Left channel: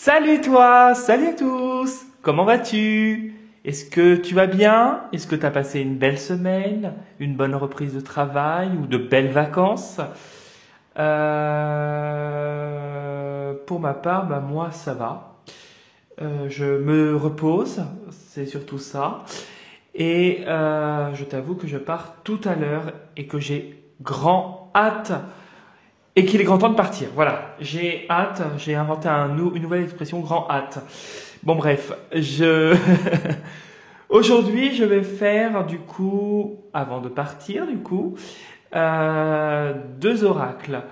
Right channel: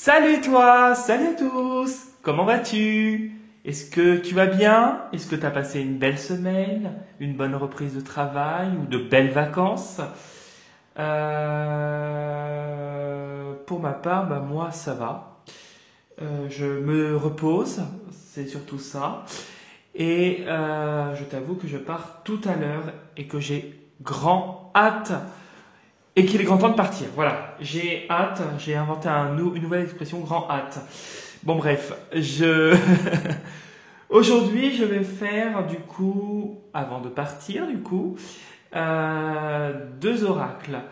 Salut à tous, comment vas-tu? Est-ce que tu vas bien? Est-ce que tu as passé une belle semaine, une bonne reprise de travail ou de belles vacances? Pour ma part, bah, moi ça va. Je me repose, c'est surtout ça. Et je t'avoue que je pars tout à l'heure et que j'ai grand hâte et qu'il est grand temps de partir. Voilà, j'ai hâte, j'ai inventé une nouvelle expression, grand hâte. Bon bref, aujourd'hui je vais faire du coup, avant de partir du coup, deux oracles.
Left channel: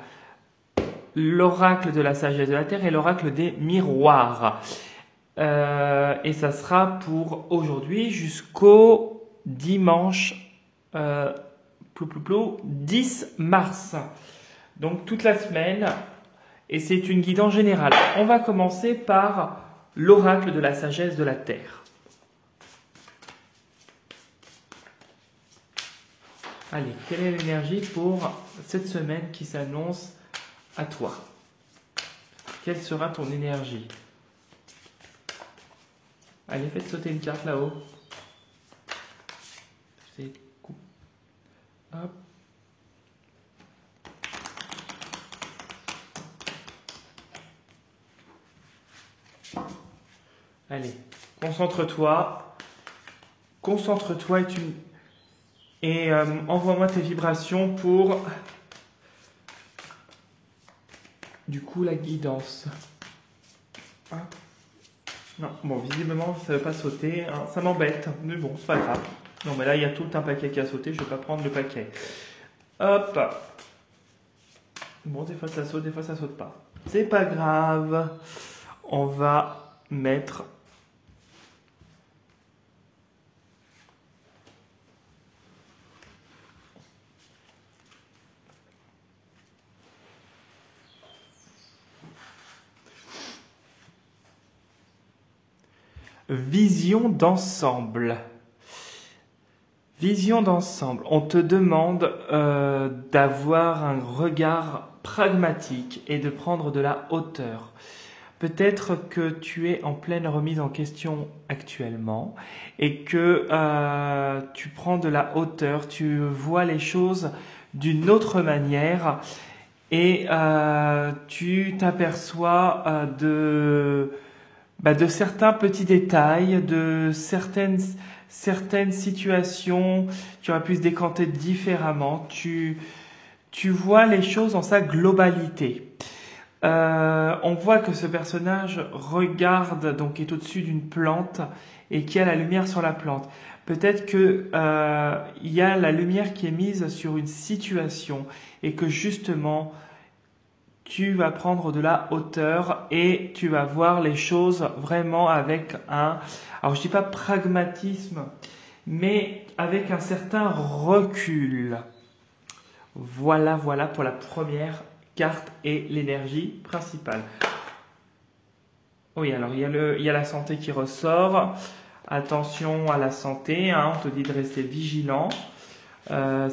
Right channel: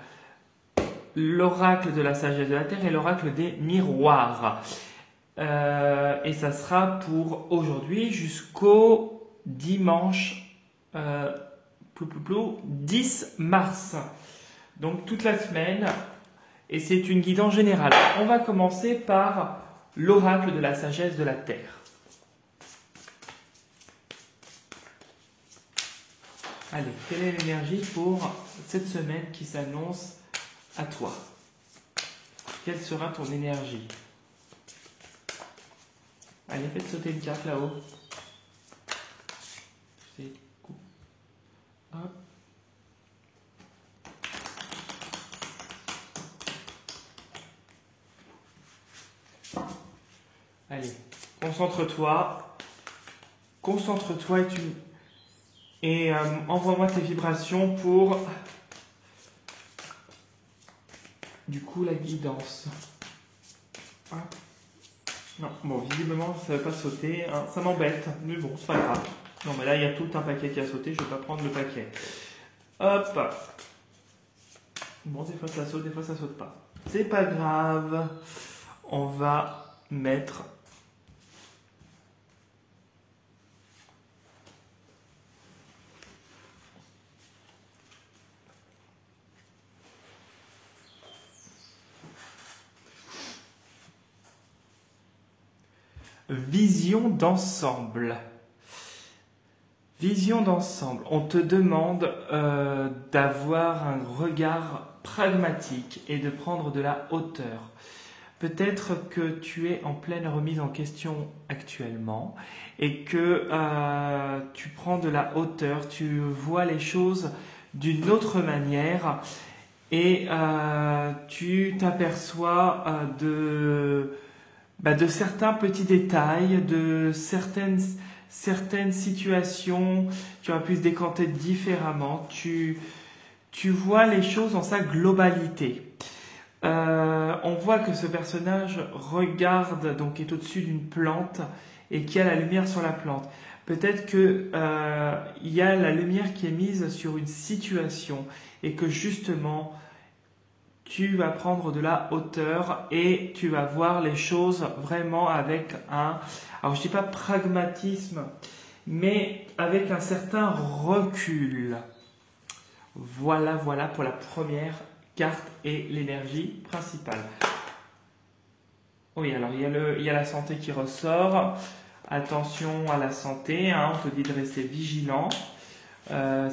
L'oracle de la sagesse de la terre et l'oracle des miroirs. Et ça sera pour aujourd'hui jusqu'au dimanche 10 mars. Donc toute la semaine, et c'est une guidance générale. On va commencer par l'oracle de la sagesse de la terre. Allez, quelle est l'énergie pour cette semaine qui s'annonce à toi? Quelle sera ton énergie? Allez, faites sauter une carte là-haut. Hop. Allez, concentre-toi. Concentre-toi et envoie-moi tes vibrations pour du coup la guidance. Ah. Non, bon, visiblement ça ne va pas sauter, hein, ça m'embête, mais bon, c'est pas grave. Non, mais là il y a tout un paquet qui a sauté, je ne vais pas prendre le paquet. Hop. Bon, des fois ça saute, des fois ça saute pas. C'est pas grave. On va mettre vision d'ensemble. Vision d'ensemble. On te demande d'avoir un regard pragmatique et de prendre de la hauteur. Peut-être que tu es en pleine remise en question actuellement et que tu prends de la hauteur, tu vois les choses d'une autre manière et tu t'aperçois de certains petits détails, de certaines situations, tu aurais pu se décanter différemment, tu vois les choses dans sa globalité. On voit que ce personnage regarde, donc est au-dessus d'une plante et qui a la lumière sur la plante. Peut-être que il y a la lumière qui est mise sur une situation et que justement tu vas prendre de la hauteur et tu vas voir les choses vraiment avec alors je dis pas pragmatisme, mais avec un certain recul. Voilà pour la première carte et l'énergie principale. Oui, alors il y a la santé qui ressort. Attention à la santé, hein, on te dit de rester vigilant.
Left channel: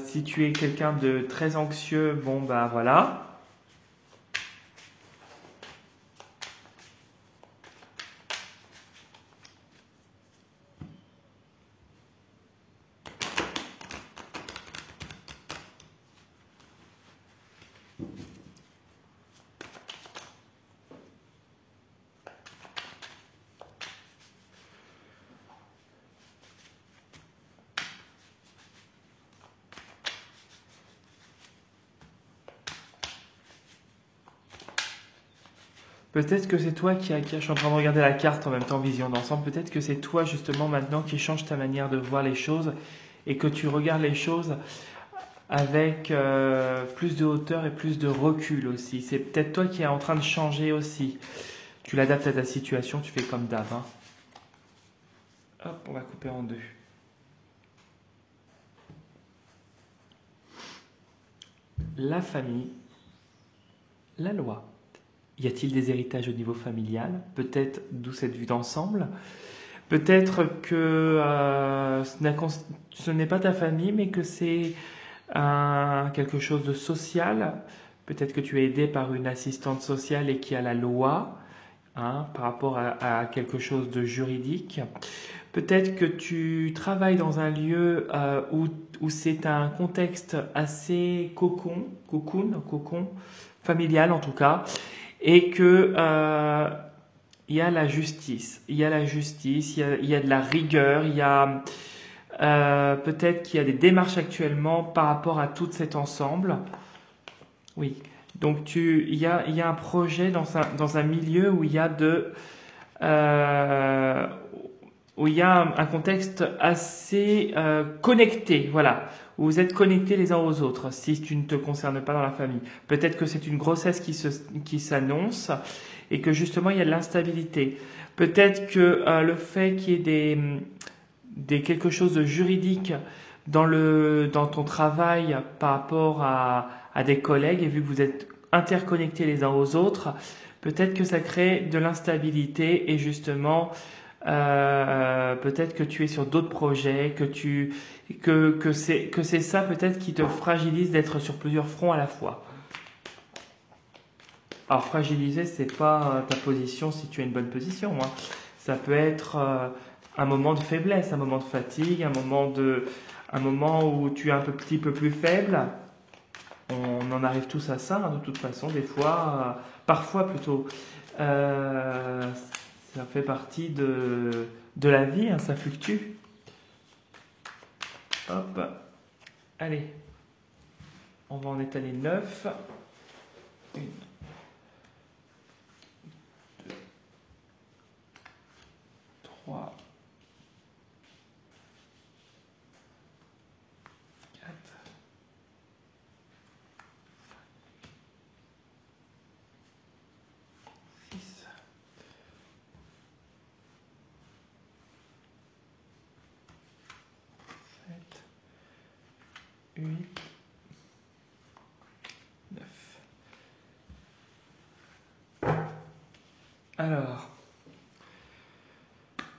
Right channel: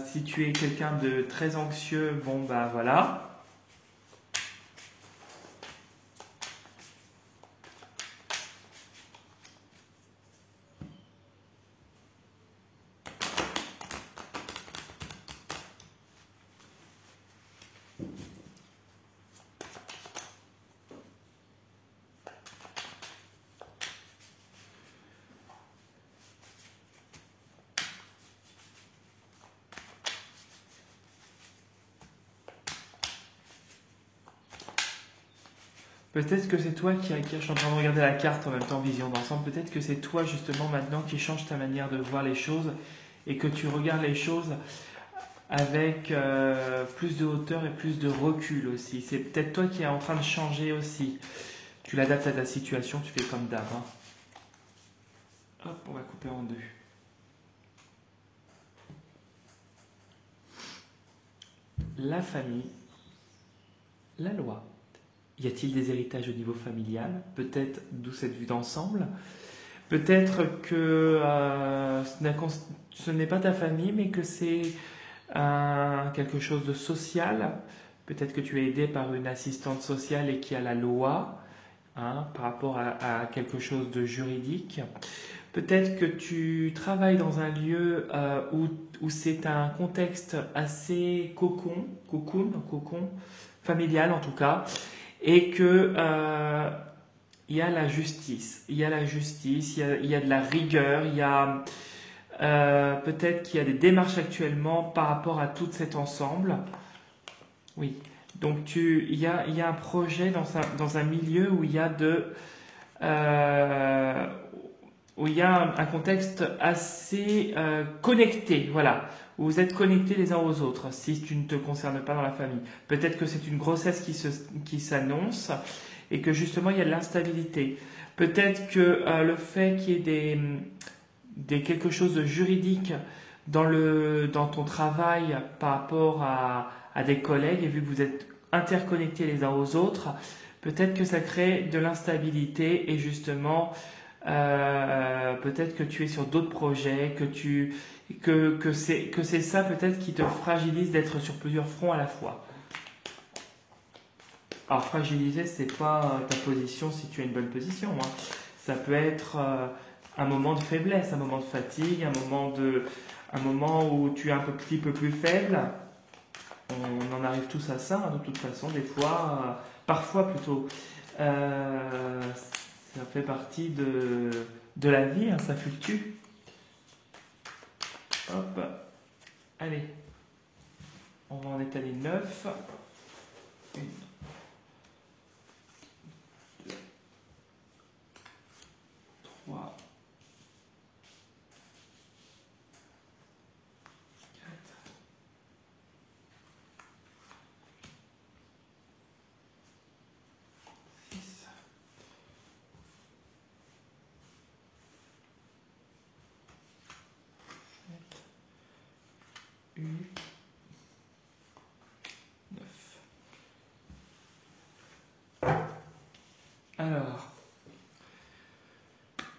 Si tu es quelqu'un de très anxieux, bon bah voilà. Peut-être que c'est toi je suis en train de regarder la carte en même temps, vision d'ensemble, peut-être que c'est toi justement maintenant qui change ta manière de voir les choses et que tu regardes les choses avec plus de hauteur et plus de recul aussi. C'est peut-être toi qui es en train de changer aussi. Tu l'adaptes à ta situation, tu fais comme d'hab. Hein. Hop, on va couper en deux. La famille, la loi. Y a-t-il des héritages au niveau familial? Peut-être d'où cette vue d'ensemble. Peut-être que ce n'est pas ta famille, mais que c'est quelque chose de social. Peut-être que tu es aidé par une assistante sociale et qui a la loi. hein, par rapport à quelque chose de juridique. Peut-être que tu travailles dans un lieu où c'est un contexte assez cocon, familial en tout cas, et que il y a la justice, il y a la justice, il y a de la rigueur, il y a peut-être qu'il y a des démarches actuellement par rapport à tout cet ensemble. Oui. Donc il y a un projet dans un milieu où il y a où il y a un contexte assez connecté, voilà, où vous êtes connectés les uns aux autres, si tu ne te concernes pas dans la famille. Peut-être que c'est une grossesse qui s'annonce et que justement il y a de l'instabilité. Peut-être que le fait qu'il y ait quelque chose de juridique dans ton travail par rapport à des collègues, et vu que vous êtes interconnectés les uns aux autres, peut-être que ça crée de l'instabilité et justement peut-être que tu es sur d'autres projets, que c'est ça peut-être qui te fragilise d'être sur plusieurs fronts à la fois. Alors fragiliser, c'est pas ta position si tu as une bonne position, hein. Ça peut être un moment de faiblesse, un moment de fatigue, un moment où tu es un petit peu plus faible. On en arrive tous à ça, hein, de toute façon, des fois, parfois plutôt. Ça fait partie de la vie, hein, ça fluctue. Hop, allez, on va en étaler 9. 1, 2, 3, 4, 6, 7, 8, 9. Alors,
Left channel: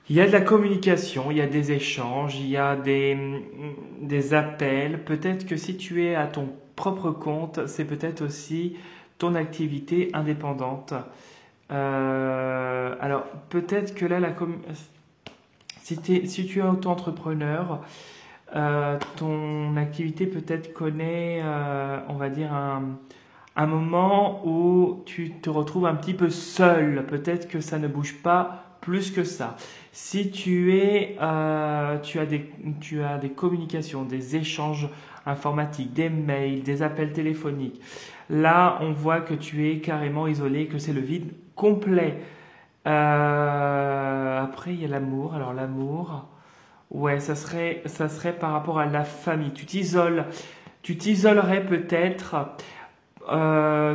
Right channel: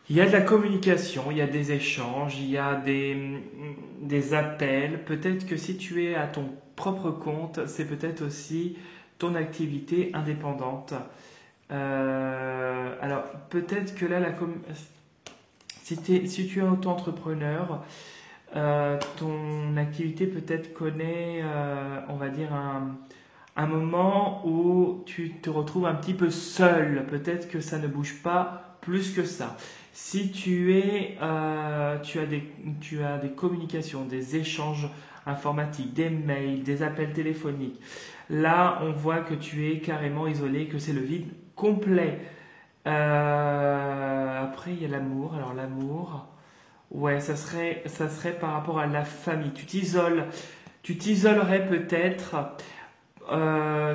il y a de la communication, il y a des échanges, il y a des appels. Peut-être que si tu es à ton propre compte, c'est peut-être aussi ton activité indépendante. Alors, peut-être que là, si tu es auto-entrepreneur, ton activité peut-être connaît, on va dire, un moment où tu te retrouves un petit peu seul. Peut-être que ça ne bouge pas plus que ça. Si tu as des communications, des échanges informatiques, des mails, des appels téléphoniques, là, on voit que tu es carrément isolé, que c'est le vide complet. Après, il y a l'amour. Alors, l'amour, ouais, ça serait par rapport à la famille. Tu t'isolerais peut-être,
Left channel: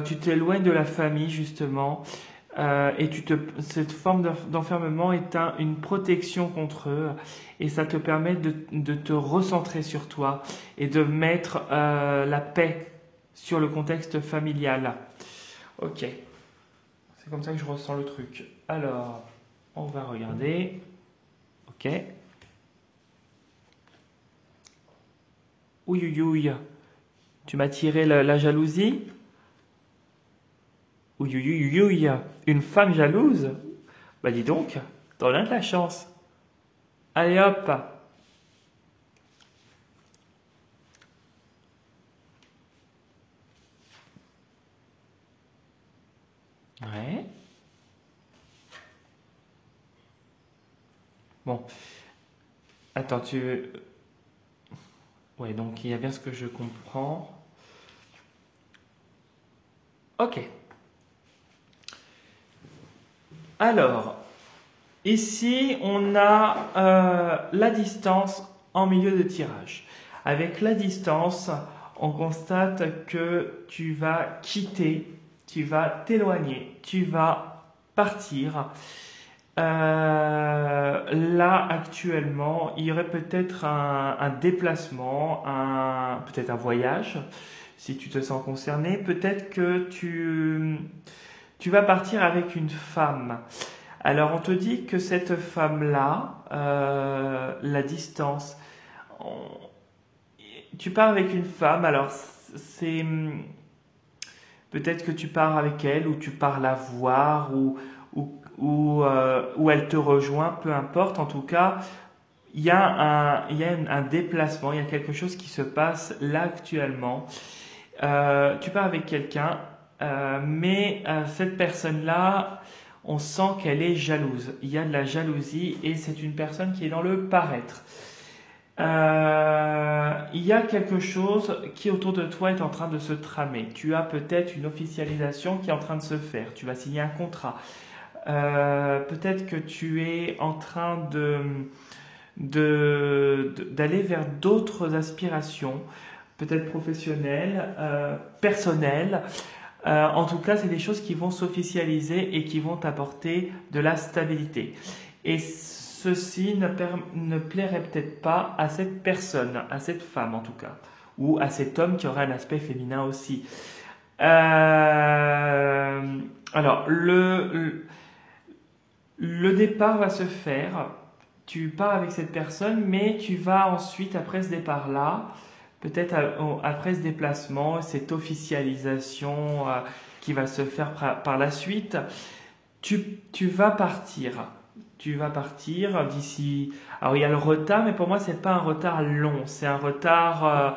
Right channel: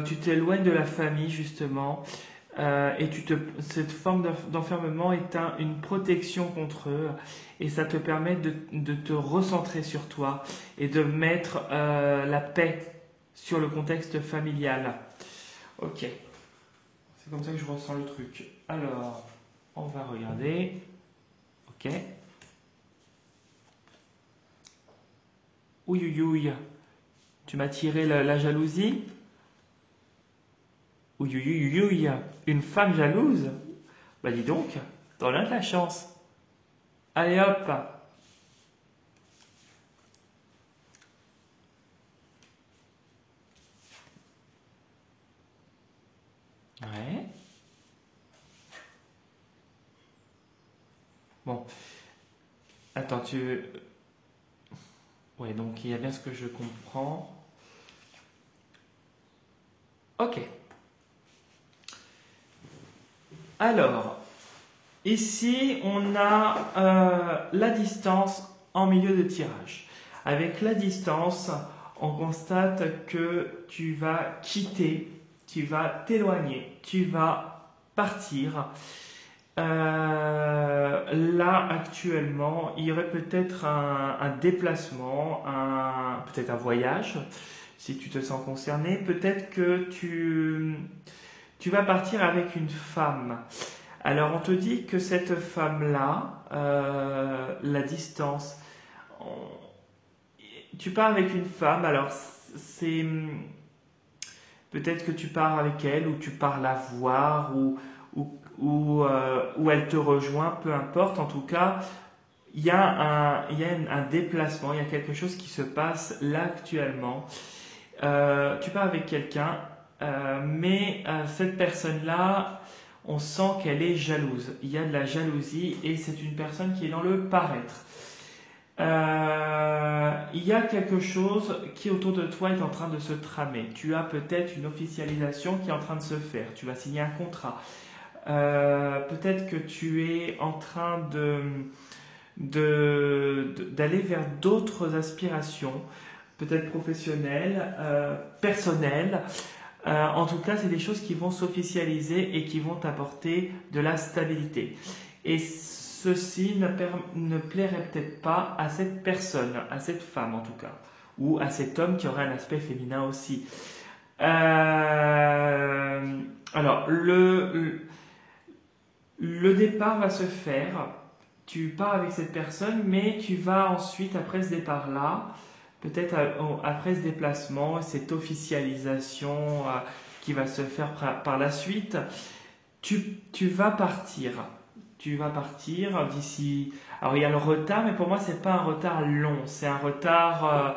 tu t'éloignes de la famille, justement. Cette forme d'enfermement est une protection contre eux et ça te permet de te recentrer sur toi et de mettre la paix sur le contexte familial. Ok, c'est comme ça que je ressens le truc. Alors, on va regarder. Ok. Ouïe, ouïe, ouïe. Tu m'as tiré la jalousie? Ouïe, ouïe, ouïe, ouïe. Une femme jalouse? Bah dis donc, t'en as de la chance. Allez hop. Ouais. Bon. Attends, ouais, donc il y a bien ce que je comprends. Ok. Alors, ici, on a la distance en milieu de tirage. Avec la distance, on constate que tu vas quitter, tu vas t'éloigner, tu vas partir. Là, actuellement, il y aurait peut-être un déplacement, peut-être un voyage, si tu te sens concerné. Peut-être que tu vas partir avec une femme. Alors, on te dit que cette femme-là, la distance, tu pars avec une femme, alors c'est peut-être que tu pars avec elle ou tu pars la voir ou ou elle te rejoint, peu importe. En tout cas, il y a un déplacement, il y a quelque chose qui se passe là actuellement. Tu pars avec quelqu'un, mais cette personne-là, on sent qu'elle est jalouse. Il y a de la jalousie et c'est une personne qui est dans le paraître. Il y a quelque chose qui autour de toi est en train de se tramer. Tu as peut-être une officialisation qui est en train de se faire. Tu vas signer un contrat. Peut-être que tu es en train d'aller vers d'autres aspirations, peut-être professionnelles, personnelles. En tout cas, c'est des choses qui vont s'officialiser et qui vont t'apporter de la stabilité. Et ceci ne plairait peut-être pas à cette personne, à cette femme en tout cas, ou à cet homme qui aurait un aspect féminin aussi. Alors, le départ va se faire. Tu pars avec cette personne, mais tu vas ensuite, après ce départ-là, peut-être après ce déplacement, cette officialisation qui va se faire par la suite, tu vas partir. Tu vas partir d'ici. Alors il y a le retard, mais pour moi c'est pas un retard long, c'est un retard.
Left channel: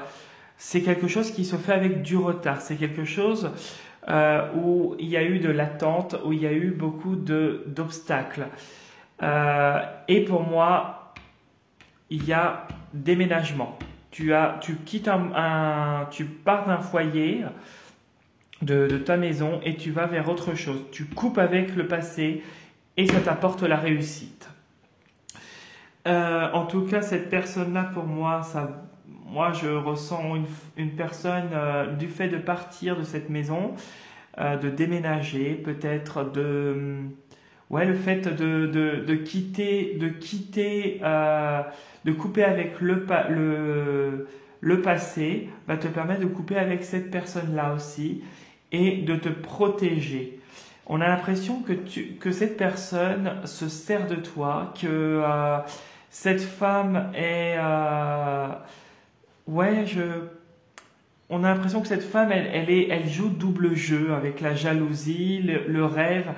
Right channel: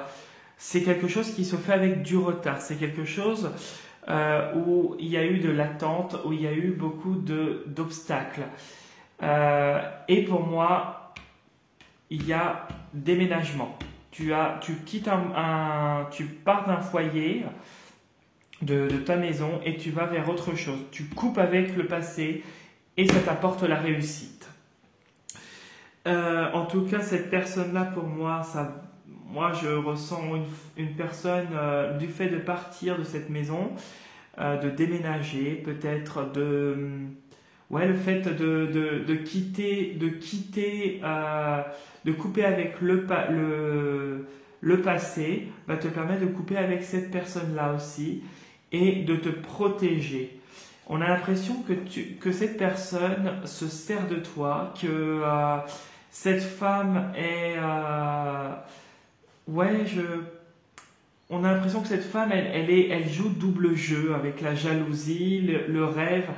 C'est quelque chose qui se fait avec du retard. C'est quelque chose où il y a eu de l'attente, où il y a eu beaucoup d'obstacles. Et pour moi, il y a déménagement. Tu quittes tu pars d'un foyer, de ta maison, et tu vas vers autre chose. Tu coupes avec le passé et ça t'apporte la réussite. En tout cas, cette personne-là, pour moi, moi je ressens une personne du fait de partir de cette maison, de déménager, peut-être le fait de quitter, de couper avec le passé va te permettre de couper avec cette personne-là aussi et de te protéger. On a l'impression que cette personne se sert de toi, que cette femme est... on a l'impression que cette femme, elle joue double jeu avec la jalousie, le rêve.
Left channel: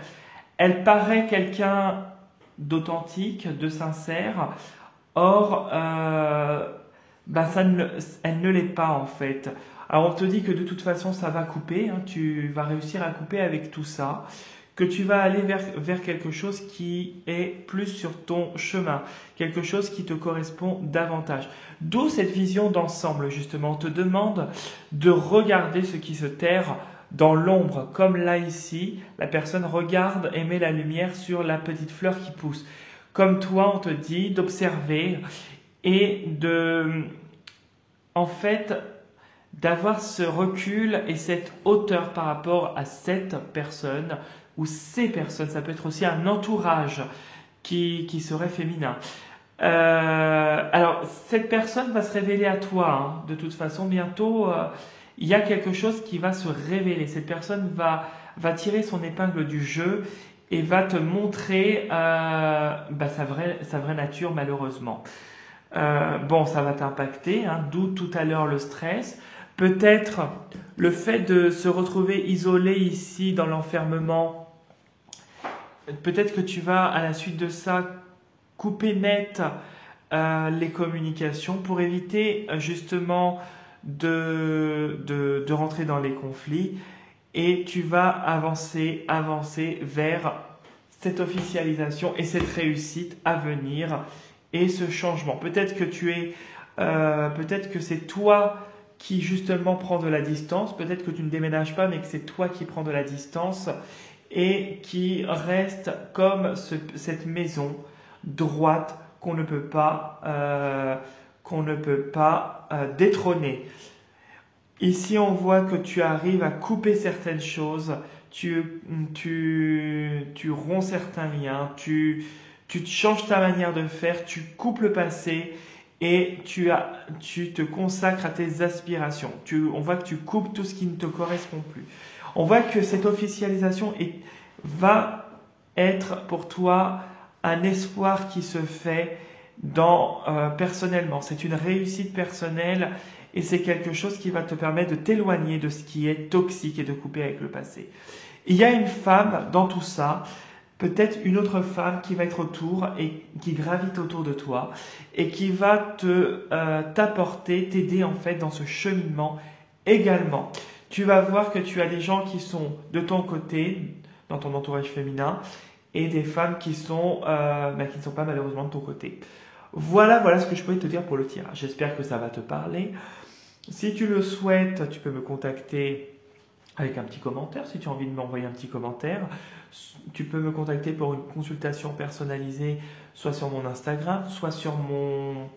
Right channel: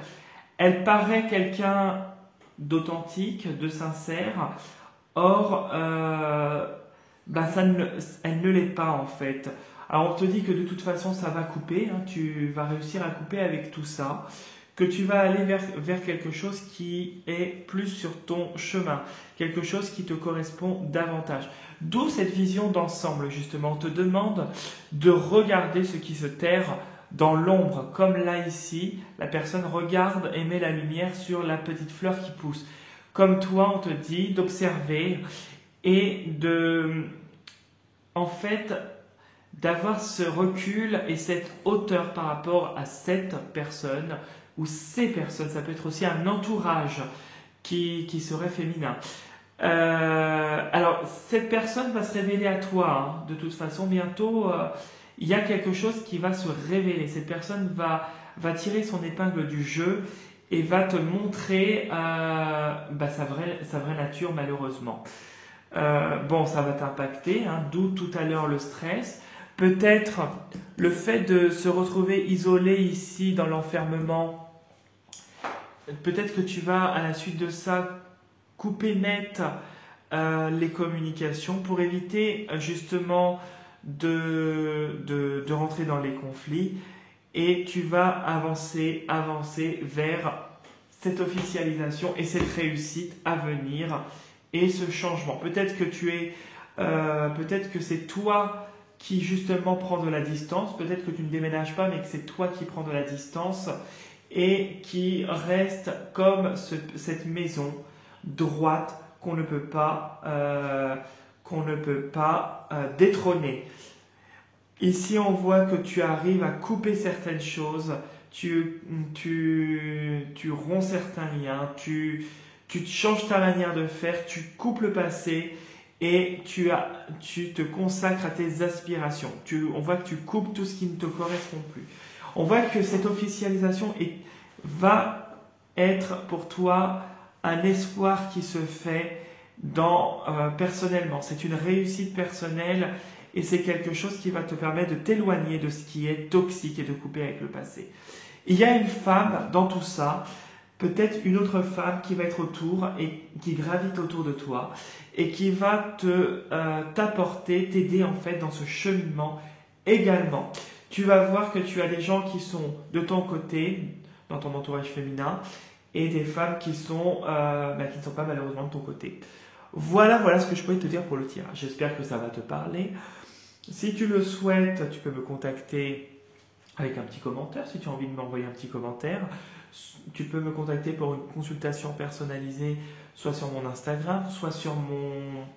Elle paraît quelqu'un d'authentique, de sincère. Or, elle ne l'est pas en fait. Alors on te dit que de toute façon ça va couper, hein, tu vas réussir à couper avec tout ça, que tu vas aller vers quelque chose qui est plus sur ton chemin, quelque chose qui te correspond davantage. D'où cette vision d'ensemble justement, on te demande de regarder ce qui se terre dans l'ombre, comme là ici, la personne regarde et met la lumière sur la petite fleur qui pousse. Comme toi, on te dit d'observer et d'avoir ce recul et cette hauteur par rapport à cette personne ou ces personnes. Ça peut être aussi un entourage qui serait féminin. Alors, cette personne va se révéler à toi, hein, de toute façon, bientôt. Il y a quelque chose qui va se révéler. Cette personne va tirer son épingle du jeu et va te montrer sa vraie nature, malheureusement. Ça va t'impacter, hein, d'où tout à l'heure le stress. Peut-être le fait de se retrouver isolé ici dans l'enfermement. Peut-être que tu vas, à la suite de ça, couper net les communications pour éviter justement de rentrer dans les conflits, et tu vas avancer vers cette officialisation et cette réussite à venir et ce changement. Peut-être que c'est toi qui justement prends de la distance, peut-être que tu ne déménages pas mais que c'est toi qui prends de la distance et qui reste comme cette maison droite qu'on ne peut pas détrôner. Ici, on voit que tu arrives à couper certaines choses, tu romps certains liens, tu changes ta manière de faire, tu coupes le passé et tu te consacres à tes aspirations. On voit que tu coupes tout ce qui ne te correspond plus. On voit que cette officialisation va être pour toi un espoir qui se fait personnellement. C'est une réussite personnelle et c'est quelque chose qui va te permettre de t'éloigner de ce qui est toxique et de couper avec le passé. Il y a une femme dans tout ça peut-être une autre femme qui va être autour et qui gravite autour de toi et qui va t'apporter, t'aider en fait dans ce cheminement également. Tu vas voir que tu as des gens qui sont de ton côté, dans ton entourage féminin, et des femmes qui ne sont pas malheureusement de ton côté. Voilà ce que je peux te dire pour le tirage. J'espère que ça va te parler. Si tu le souhaites, tu peux me contacter avec un petit commentaire. Si tu as envie de m'envoyer un petit commentaire, tu peux me contacter pour une consultation personnalisée, soit sur mon Instagram, soit sur mon...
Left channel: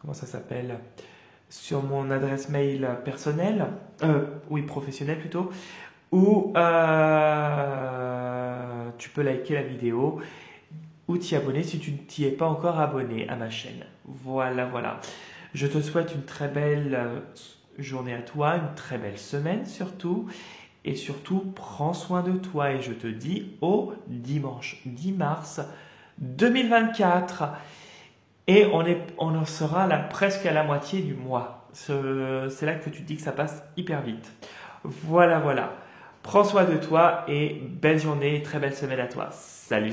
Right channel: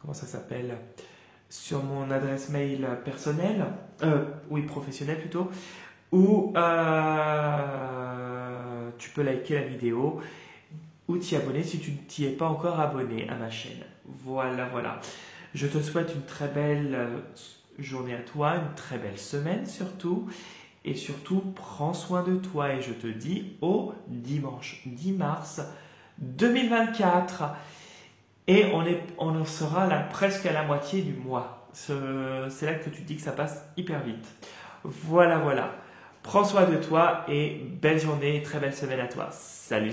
comment ça s'appelle? Sur mon adresse mail personnelle, professionnelle plutôt, ou tu peux liker la vidéo ou t'y abonner si tu ne t'y es pas encore abonné à ma chaîne. Voilà. Je te souhaite une très belle journée à toi, une très belle semaine surtout. Et surtout, prends soin de toi et je te dis au dimanche 10 mars 2024. Et on en sera là presque à la moitié du mois. C'est là que tu te dis que ça passe hyper vite. Voilà. Prends soin de toi et belle journée, très belle semaine à toi. Salut